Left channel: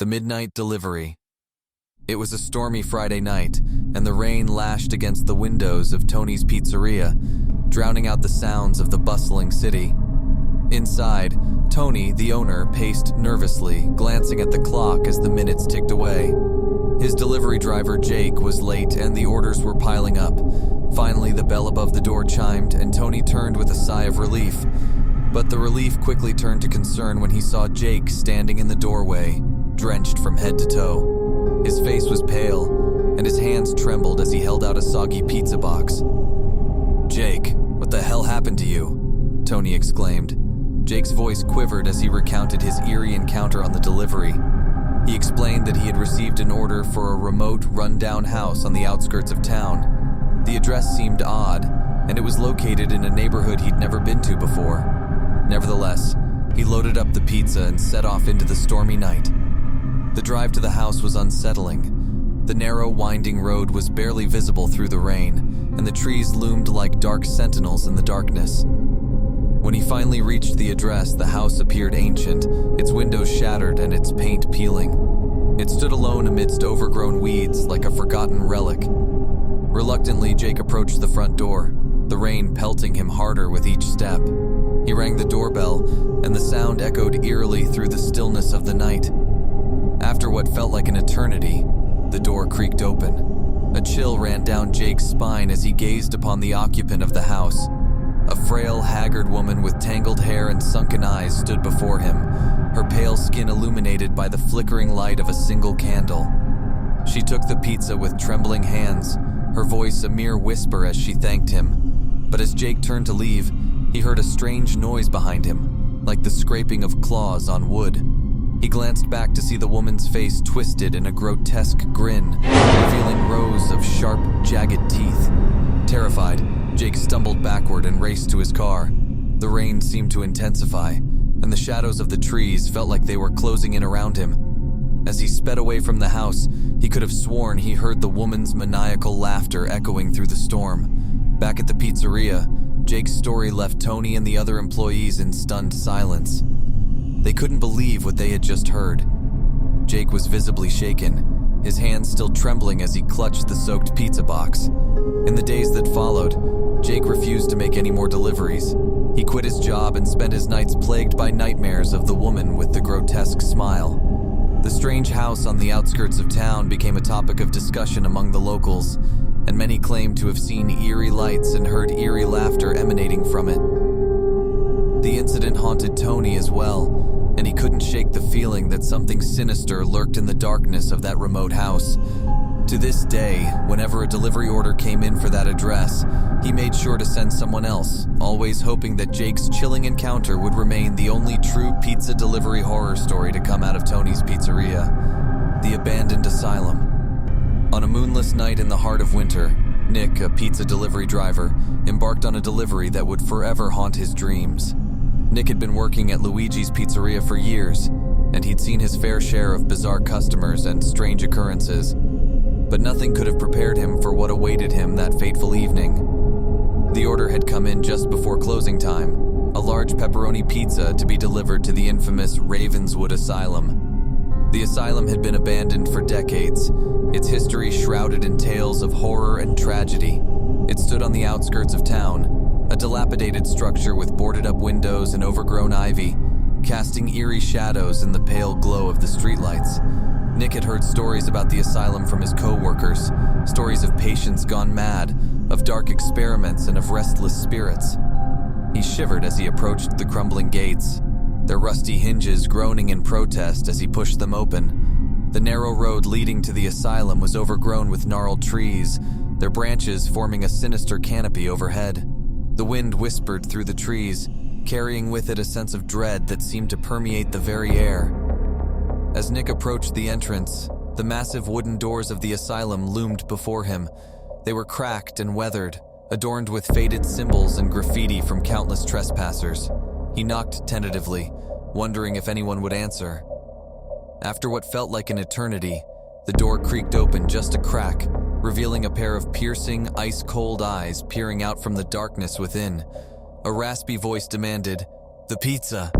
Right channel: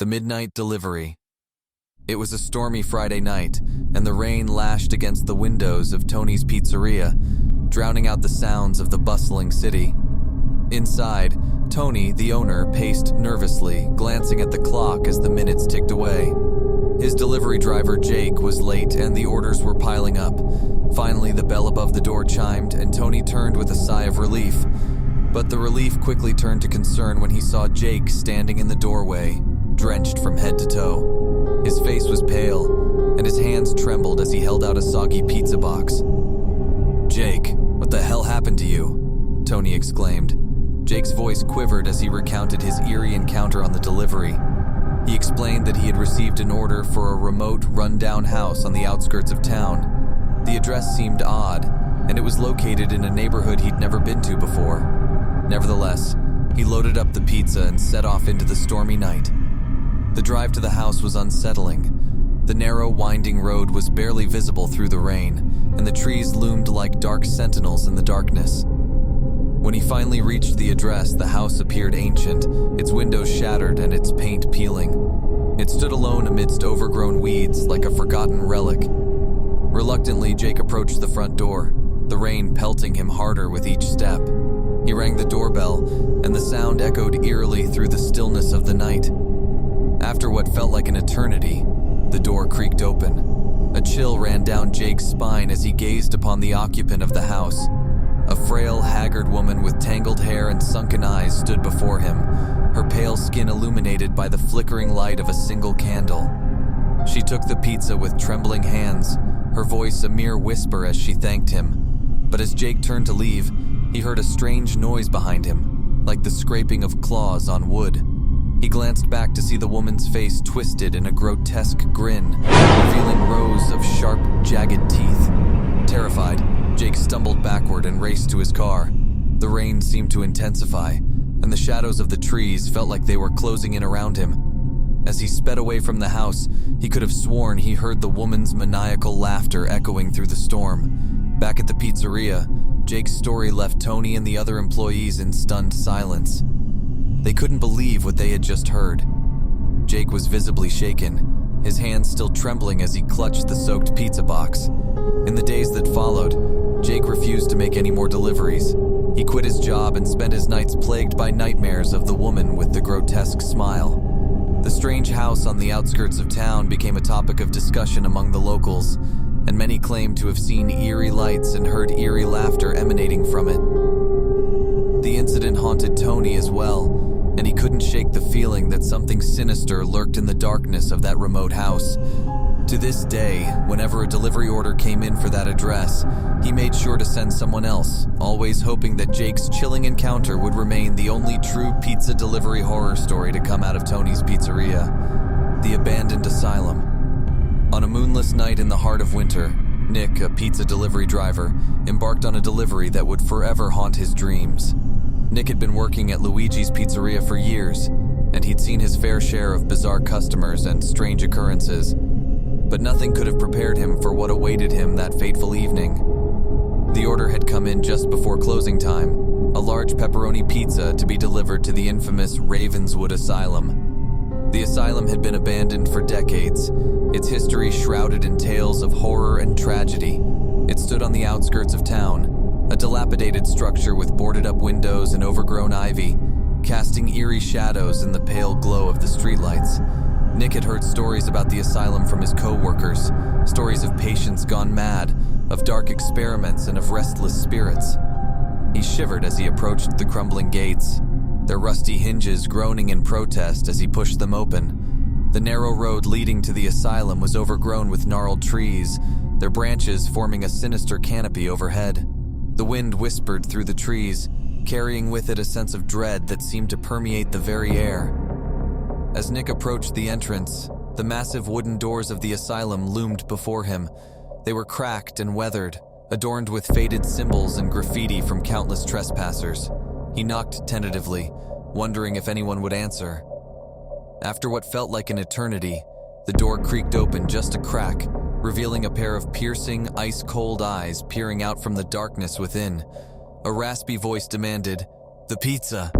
The Midnight Delivery. It was a stormy Friday night, and the rain lashed against the windows of Tony's Pizzeria, drowning out the sounds of the bustling city. Inside, Tony, the owner, paced nervously, glancing at the clock as the minutes ticked away. His delivery driver, Jake, was late and the orders were piling up. Finally, the bell above the door chimed and Tony turned with a sigh of relief. But the relief quickly turned to concern when he saw Jake standing in the doorway, drenched from head to toe. His face was pale, and his hands trembled as he held out a soggy pizza box. "Jake, what the hell happened to you?" Tony exclaimed. Jake's voice quivered as he recounted his eerie encounter on the delivery. He explained that he had received an order for a remote, run-down house on the outskirts of town. The address seemed odd, and it was located in a neighborhood he'd never been to before. Nevertheless, he loaded up the pizza and set off into the stormy night. The drive to the house was unsettling. The narrow, winding road was barely visible through the rain, and the trees loomed like dark sentinels in the darkness. When he finally reached the address, the house appeared ancient, its windows shattered and its paint peeling. It stood alone amidst overgrown weeds like a forgotten relic. Reluctantly, Jake approached the front door, the rain pelting him harder with each step. He rang the doorbell, and the sound echoed eerily through the stillness of the night. After what felt like an eternity, the door creaked open. A chill ran down Jake's spine as he gazed upon the occupant of the house. A frail, haggard woman with tangled hair and sunken eyes stood before him, her pale skin illuminated by the flickering light of a single candle. She took the pizza with trembling hands, her voice a mere whisper as she thanked him. But as Jake turned to leave, he heard a strange noise behind him, like the scraping of claws on wood. He glanced back to see the woman's face twisted in a grotesque grin, revealing rows of sharp, jagged teeth. Terrified, Jake stumbled backward and raced to his car. The rain seemed to intensify, and the shadows of the trees felt like they were closing in around him. As he sped away from the house, he could have sworn he heard the woman's maniacal laughter echoing through the storm. Back at the pizzeria, Jake's story left Tony and the other employees in stunned silence. They couldn't believe what they had just heard. Jake was visibly shaken, his hands still trembling as he clutched the soaked pizza box. In the days that followed, Jake refused to make any more deliveries. He quit his job and spent his nights plagued by nightmares of the woman with the grotesque smile. The strange house on the outskirts of town became a topic of discussion among the locals, and many claimed to have seen eerie lights and heard eerie laughter emanating from it. The incident haunted Tony as well, and he couldn't shake the feeling that something sinister lurked in the darkness of that remote house. To this day, whenever a delivery order came in for that address, he made sure to send someone else, always hoping that Jake's chilling encounter would remain the only true pizza delivery horror story to come out of Tony's Pizzeria: the abandoned asylum. On a moonless night in the heart of winter, Nick, a pizza delivery driver, embarked on a delivery that would forever haunt his dreams. Nick had been working at Luigi's Pizzeria for years, and he'd seen his fair share of bizarre customers and strange occurrences. But nothing could have prepared him for what awaited him that fateful evening. The order had come in just before closing time, a large pepperoni pizza to be delivered to the infamous Ravenswood Asylum. The asylum had been abandoned for decades, its history shrouded in tales of horror and tragedy. It stood on the outskirts of town, a dilapidated structure with boarded-up windows and overgrown ivy, casting eerie shadows in the pale glow of the streetlights. Nick had heard stories about the asylum from his co-workers, stories of patients gone mad, of dark experiments, and of restless spirits. He shivered as he approached the crumbling gates, their rusty hinges groaning in protest as he pushed them open. The narrow road leading to the asylum was overgrown with gnarled trees, their branches forming a sinister canopy overhead. The wind whispered through the trees, carrying with it a sense of dread that seemed to permeate the very air. As Nick approached the entrance, the massive wooden doors of the asylum loomed before him. They were cracked and weathered, adorned with faded symbols and graffiti from countless trespassers. He knocked tentatively, wondering if anyone would answer. After what felt like an eternity, the door creaked open just a crack, revealing a pair of piercing, ice-cold eyes peering out from the darkness within. A raspy voice demanded, "The pizza."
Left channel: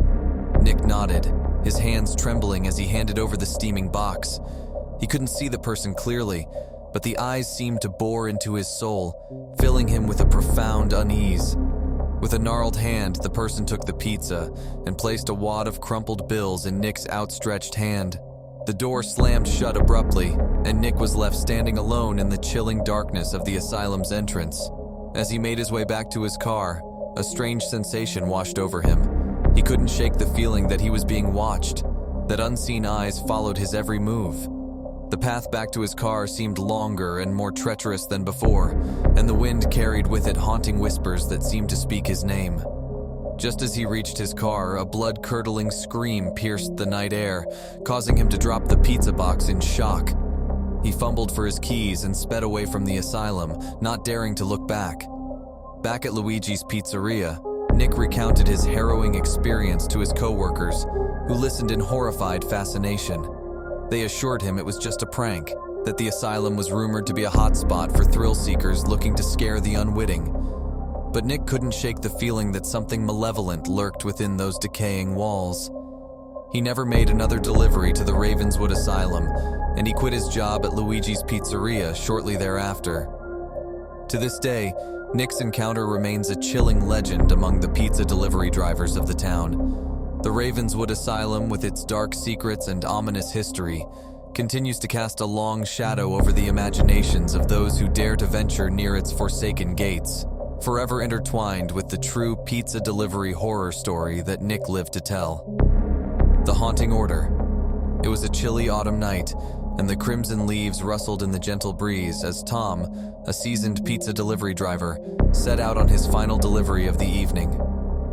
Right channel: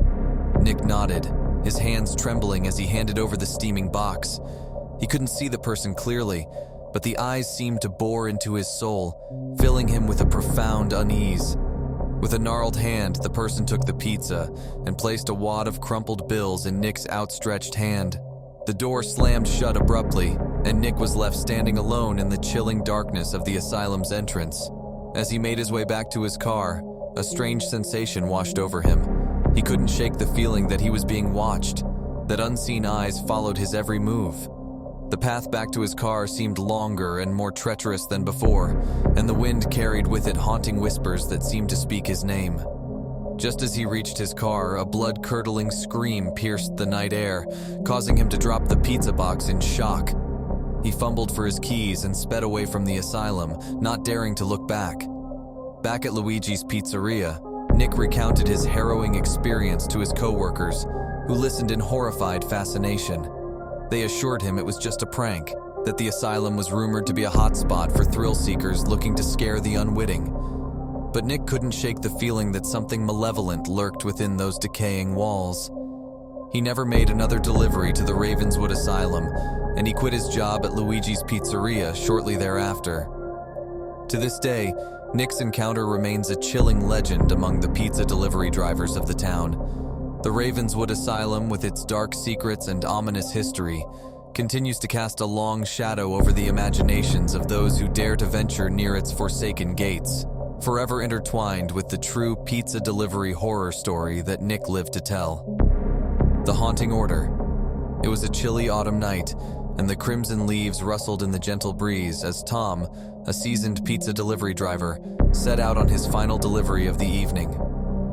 Nick nodded, his hands trembling as he handed over the steaming box. He couldn't see the person clearly, but the eyes seemed to bore into his soul, filling him with a profound unease. With a gnarled hand, the person took the pizza and placed a wad of crumpled bills in Nick's outstretched hand. The door slammed shut abruptly, and Nick was left standing alone in the chilling darkness of the asylum's entrance. As he made his way back to his car, a strange sensation washed over him. He couldn't shake the feeling that he was being watched, that unseen eyes followed his every move. The path back to his car seemed longer and more treacherous than before, and the wind carried with it haunting whispers that seemed to speak his name. Just as he reached his car, a blood-curdling scream pierced the night air, causing him to drop the pizza box in shock. He fumbled for his keys and sped away from the asylum, not daring to look back. Back at Luigi's Pizzeria, Nick recounted his harrowing experience to his coworkers, who listened in horrified fascination. They assured him it was just a prank, that the asylum was rumored to be a hotspot for thrill-seekers looking to scare the unwitting. But Nick couldn't shake the feeling that something malevolent lurked within those decaying walls. He never made another delivery to the Ravenswood Asylum, and he quit his job at Luigi's Pizzeria shortly thereafter. To this day, Nick's encounter remains a chilling legend among the pizza delivery drivers of the town. The Ravenswood Asylum, with its dark secrets and ominous history, continues to cast a long shadow over the imaginations of those who dare to venture near its forsaken gates, forever intertwined with the true pizza delivery horror story that Nick lived to tell. The Haunting Order. It was a chilly autumn night, and the crimson leaves rustled in the gentle breeze as Tom, a seasoned pizza delivery driver, set out on his final delivery of the evening.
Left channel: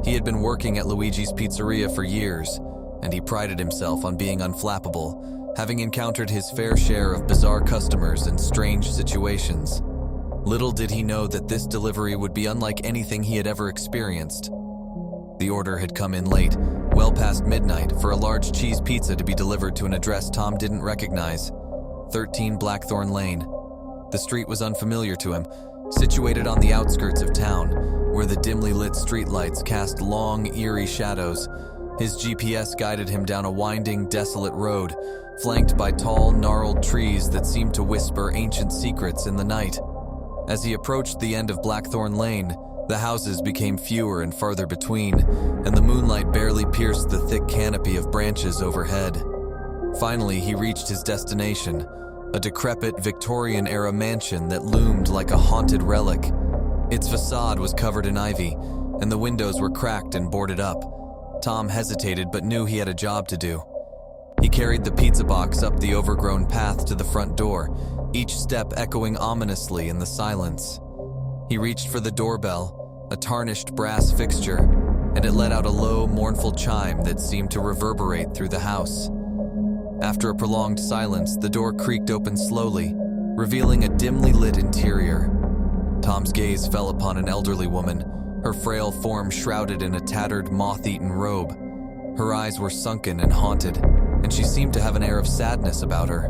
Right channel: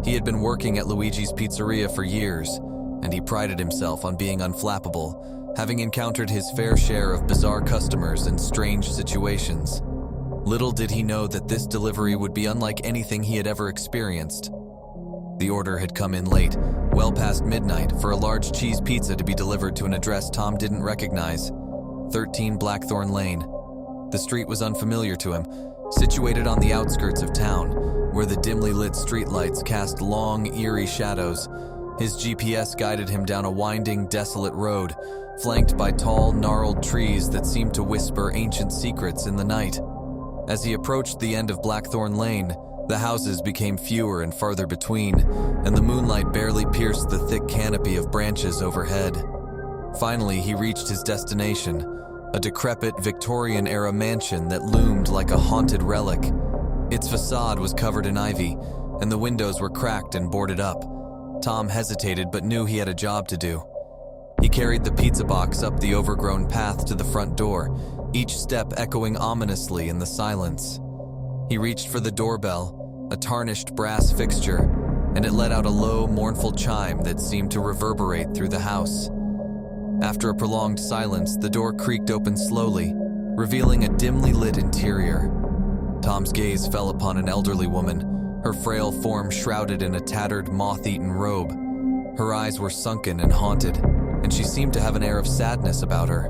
He had been working at Luigi's Pizzeria for years, and he prided himself on being unflappable, having encountered his fair share of bizarre customers and strange situations. Little did he know that this delivery would be unlike anything he had ever experienced. The order had come in late, well past midnight, for a large cheese pizza to be delivered to an address Tom didn't recognize, 13 Blackthorn Lane. The street was unfamiliar to him, situated on the outskirts of town, where the dimly lit streetlights cast long, eerie shadows. His GPS guided him down a winding, desolate road, flanked by tall, gnarled trees that seemed to whisper ancient secrets in the night. As he approached the end of Blackthorn Lane, the houses became fewer and farther between, and the moonlight barely pierced the thick canopy of branches overhead. Finally, he reached his destination, a decrepit Victorian-era mansion that loomed like a haunted relic. Its facade was covered in ivy, and the windows were cracked and boarded up. Tom hesitated but knew he had a job to do. He carried the pizza box up the overgrown path to the front door, each step echoing ominously in the silence. He reached for the doorbell, a tarnished brass fixture, and it let out a low, mournful chime that seemed to reverberate through the house. After a prolonged silence, the door creaked open slowly, revealing a dimly lit interior. Tom's gaze fell upon an elderly woman, her frail form shrouded in a tattered, moth-eaten robe. Her eyes were sunken and haunted, and she seemed to have an air of sadness about her.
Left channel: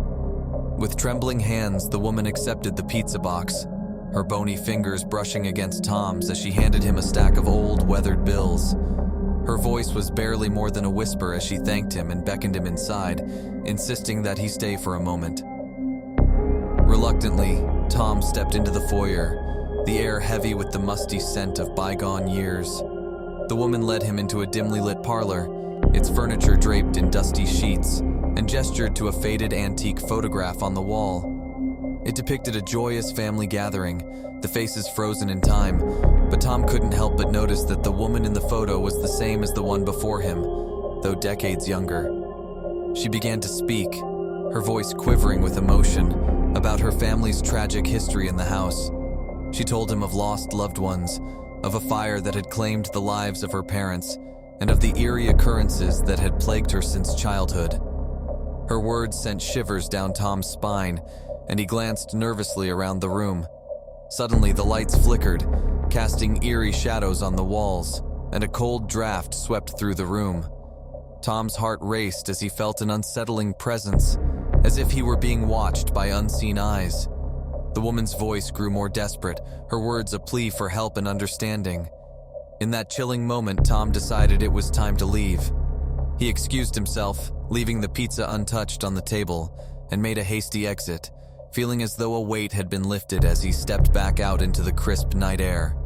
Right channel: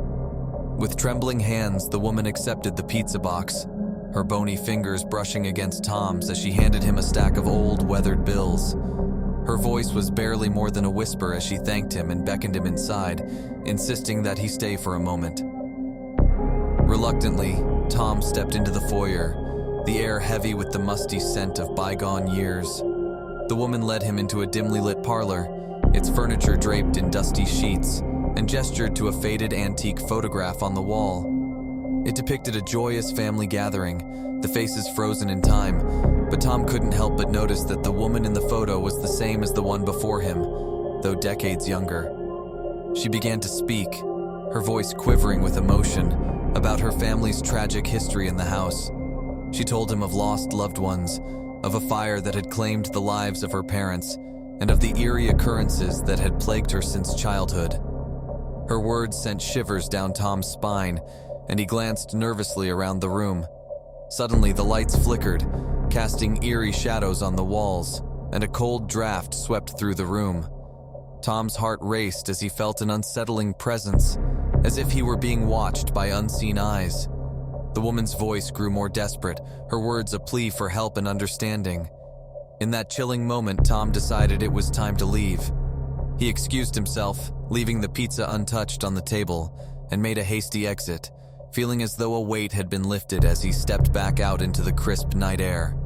With trembling hands, the woman accepted the pizza box, her bony fingers brushing against Tom's as she handed him a stack of old, weathered bills. Her voice was barely more than a whisper as she thanked him and beckoned him inside, insisting that he stay for a moment. Reluctantly, Tom stepped into the foyer, the air heavy with the musty scent of bygone years. The woman led him into a dimly lit parlor, its furniture draped in dusty sheets, and gestured to a faded antique photograph on the wall. It depicted a joyous family gathering, the faces frozen in time, but Tom couldn't help but notice that the woman in the photo was the same as the one before him, though decades younger. She began to speak, her voice quivering with emotion, about her family's tragic history in the house. She told him of lost loved ones, of a fire that had claimed the lives of her parents, and of the eerie occurrences that had plagued her since childhood. Her words sent shivers down Tom's spine, and he glanced nervously around the room. Suddenly, the lights flickered, casting eerie shadows on the walls, and a cold draft swept through the room. Tom's heart raced as he felt an unsettling presence, as if he were being watched by unseen eyes. The woman's voice grew more desperate, her words a plea for help and understanding. In that chilling moment, Tom decided it was time to leave. He excused himself, leaving the pizza untouched on the table, and made a hasty exit, feeling as though a weight had been lifted as he stepped back out into the crisp night air.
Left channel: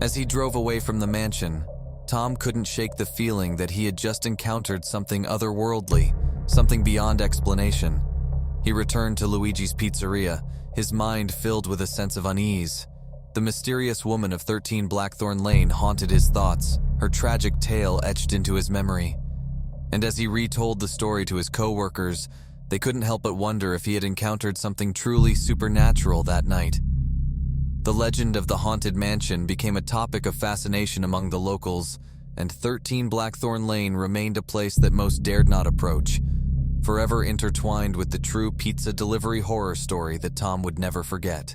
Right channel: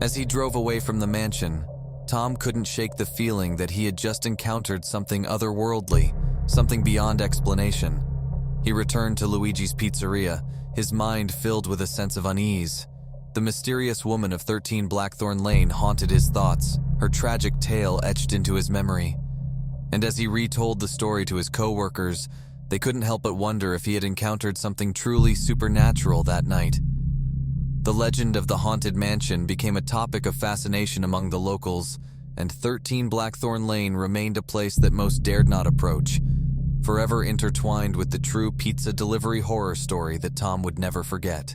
As he drove away from the mansion, Tom couldn't shake the feeling that he had just encountered something otherworldly, something beyond explanation. He returned to Luigi's Pizzeria, his mind filled with a sense of unease. The mysterious woman of 13 Blackthorn Lane haunted his thoughts, her tragic tale etched into his memory. And as he retold the story to his co-workers, they couldn't help but wonder if he had encountered something truly supernatural that night. The legend of the haunted mansion became a topic of fascination among the locals, and 13 Blackthorn Lane remained a place that most dared not approach, forever intertwined with the true pizza delivery horror story that Tom would never forget.